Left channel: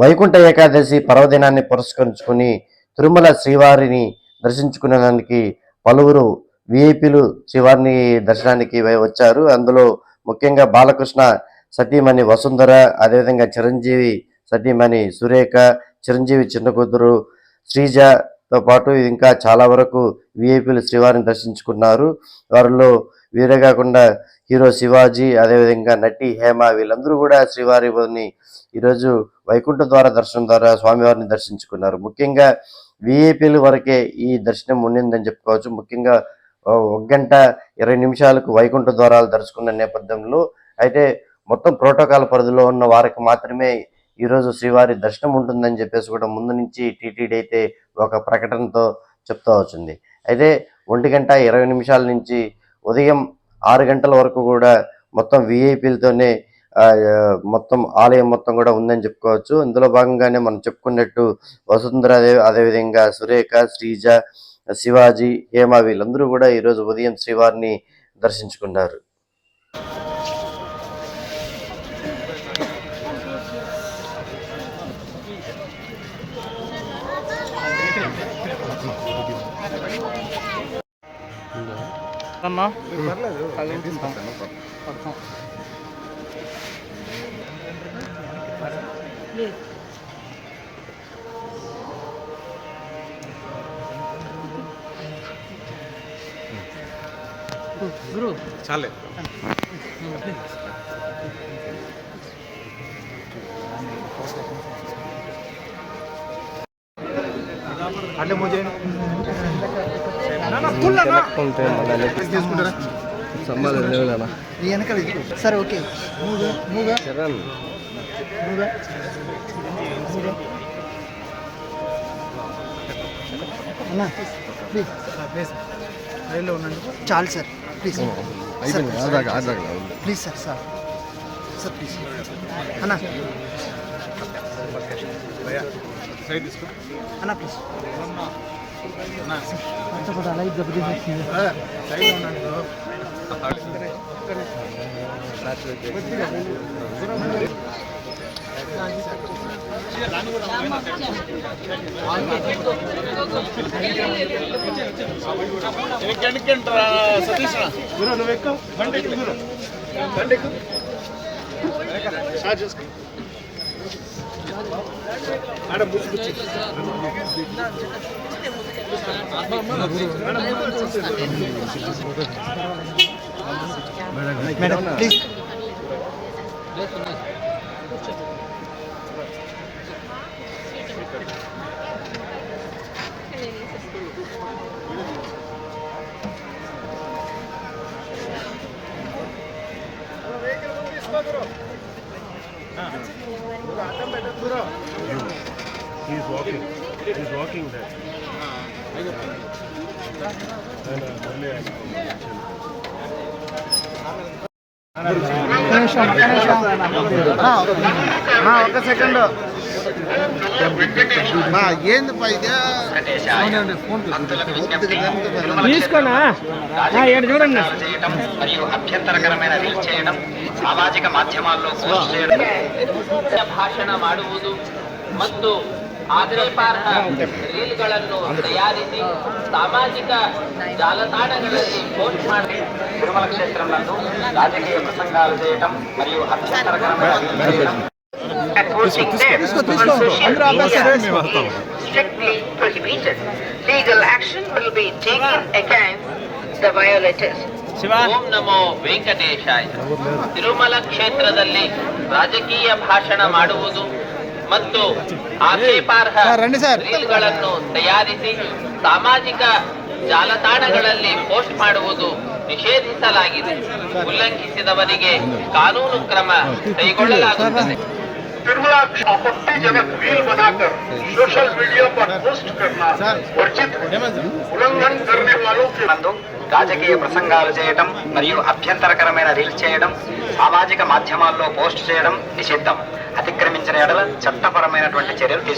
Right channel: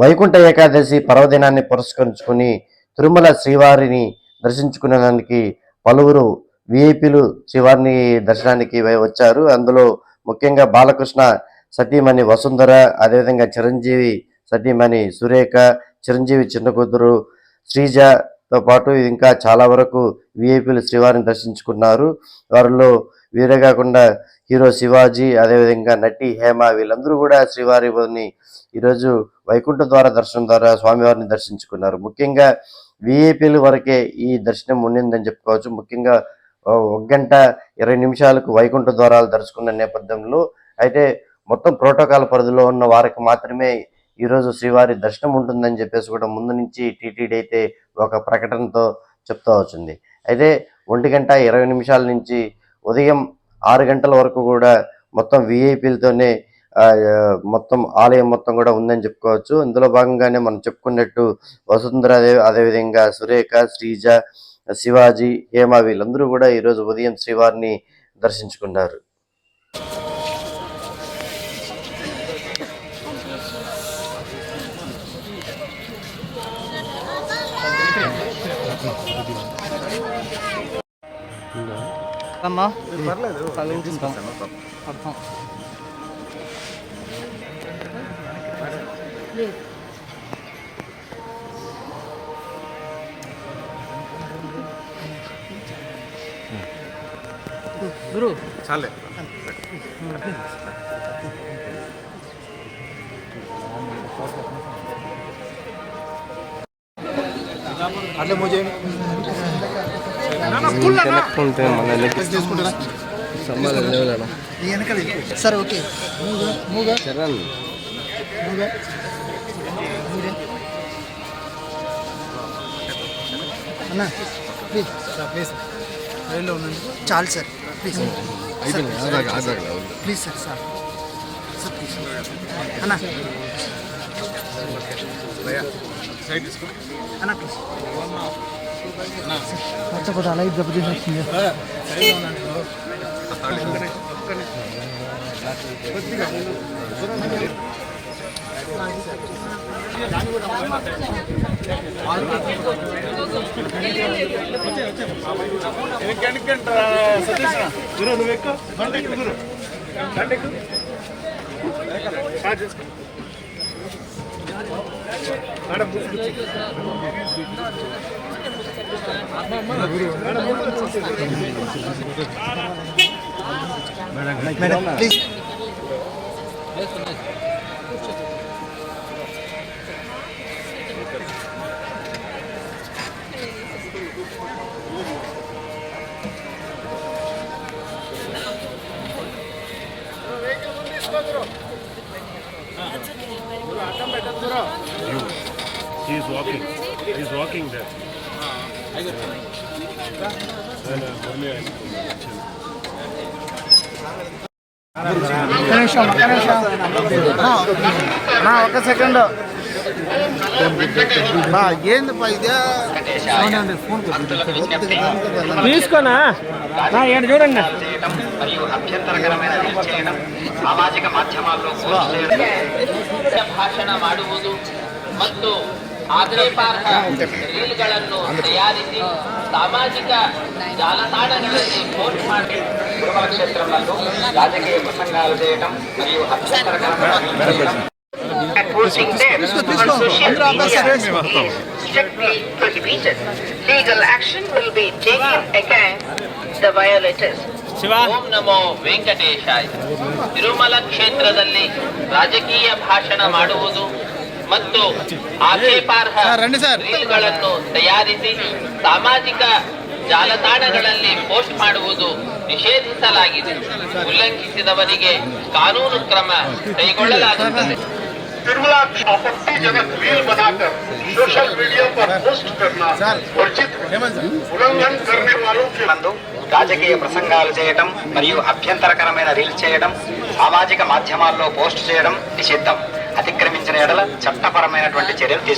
వైకుంఠ ఏకాదశి పర్వదినాన్ని పురస్కరించుకుని తిరుమల శ్రీవారిని దర్శించుకునేదానికి పలువురు విఐపీలు శ్రీవారిని దర్శనానికి వచ్చారు. అందులో ముఖ్యంగా బాలకృష్ణ సతీమణి వసుంధర, అదేవిధంగా చిరంజీవి సతీమణి సురేఖ, చిరంజీవి చిన్న కూతురు శ్రీజతో పాటు ఇంకా చాలా వరకు విఐపీలు శ్రీవారిని దర్శించుకున్నారు. వారిలో వీరే కాకుండా హీరో శివాజీ, అదేవిధంగా నటి హేమ, వీళ్ళందరూ కూడా శ్రీవారిని ఈరోజు వైకుంఠ ద్వార దర్శనం ద్వారా స్వామివారిని దర్శించుకున్నారు. ముఖ్యంగా విఐపీల వరకే ఈ దర్శనం ఉండిందని చెప్పుకోవచ్చు. ముఖ్యంగా 1 గంట 20 నిమిషాలకు వైకుంఠ ద్వారాలు దర్శకున్న నేపథ్యంలో అయితే మొత్తం ప్రోటోకాల్ పరిధిలో ఉన్న వారికి మాత్రమే ఈరోజు శ్రీవారి దర్శనం ఉంటుందని చెప్పేసి కూడా ముందు నుంచి టీటీడీ అయితే ఒక ప్రకటనతో చెప్తూ వచ్చింది. అయితే 1 గంట 20 నిమిషాల నుంచి ఉదయం 6 గంటల వరకు కూడా మొత్తం విఐపీలతోనే మొత్తం ఆలయం మొత్తం కూడా ఉందని చెప్పుకోవచ్చు. ఇందులో భాగంగానే మనం చెప్పుకున్నట్టు వసుంధర, అదేవిధంగా సురేఖ, శ్రీజ, శివాజీ, హేమ వీళ్ళందరూ కూడా ఈరోజు ఉదయం శ్రీవారిని దర్శించుకున్నారు. అమ్మా గురు చాలే అట్లే ముజే సంబంధం లేవు సార్. ఓకే అన్నా ప్లీజ్ రైల్లో ఉండండి. చాలు sir please please sir sir please అన్నా అన్నా ప్లీజ్ కూడా అలాగే దెబ్బతీస్తుంది. He's walking there. ఒక సెకండ్ చూడండి. మరియు అభ్యంతరకరమైన రీల్ చేయడం, సామాజిక మాధ్యమాల్లో పోస్ట్ చేయడం, ಭಾಷಣ ಮಾಡುವುದು ಮತ್ತು ರೀಲ್ಗಳನ್ನು ತಯಾರಿಸಿ ಸಾಮಾಜಿಕ ಜಾಲತಾಣಗಳಲ್ಲಿ ಪೋಸ್ಟ್ ಮಾಡಿ ತಿರುಮಲ ಕ್ಷೇತ್ರಗಳನ್ನು ರಾಜಕೀಯ ಪ್ರಸಂಗಾలు చేయడం మరియు అభ్యంతరకరమైన strictly prohibited. Legal action will be taken against the violators. ಓಂ ನಮೋ ವೆಂಕಟೇಶಾಯ. ತಿರುಮಲ ಕ್ಷೇತ್ರದಲ್ಲಿ ರಾಜಕೀಯ ಭಾಷಣ ಮಾಡುವುದು ಮತ್ತು ಆಕ್ಷೇಪಾರ್ಹ ರೀಲ್ಗಳನ್ನು ತಯಾರಿಸಿ ಸಾಮಾಜಿಕ ಜಾಲತಾಣಗಳಲ್ಲಿ ಪೋಸ್ಟ್ ಮಾಡುವುದು ನಿಷೇಧಿಸಲಾಗಿದೆ. ಉಲ್ಲಂಘಿಸಿದವರಿಗೆ ಕಾನೂನು ಕ್ರಮ ಕೈಗೊಳ್ಳಲಾಗುತ್ತದೆ. तिरुमला आपत्तिजनक रील बनाकर सोशल मीडिया पर पोस्ट करना वर्जित उल्लंघन करने वालों के రాజకీయ ప్రసంగాలు చేయడం మరియు అభ్యంతరకరమైన రీల్స్ చేయడం, సామాజిక మాధ్యమాల్లో పోస్ట్ చేయడం నిషిద్ధం. అతిక్రమించిన ఎడల చట్టపరమైనటువంటి చర్యలు తీసుకుంటారు.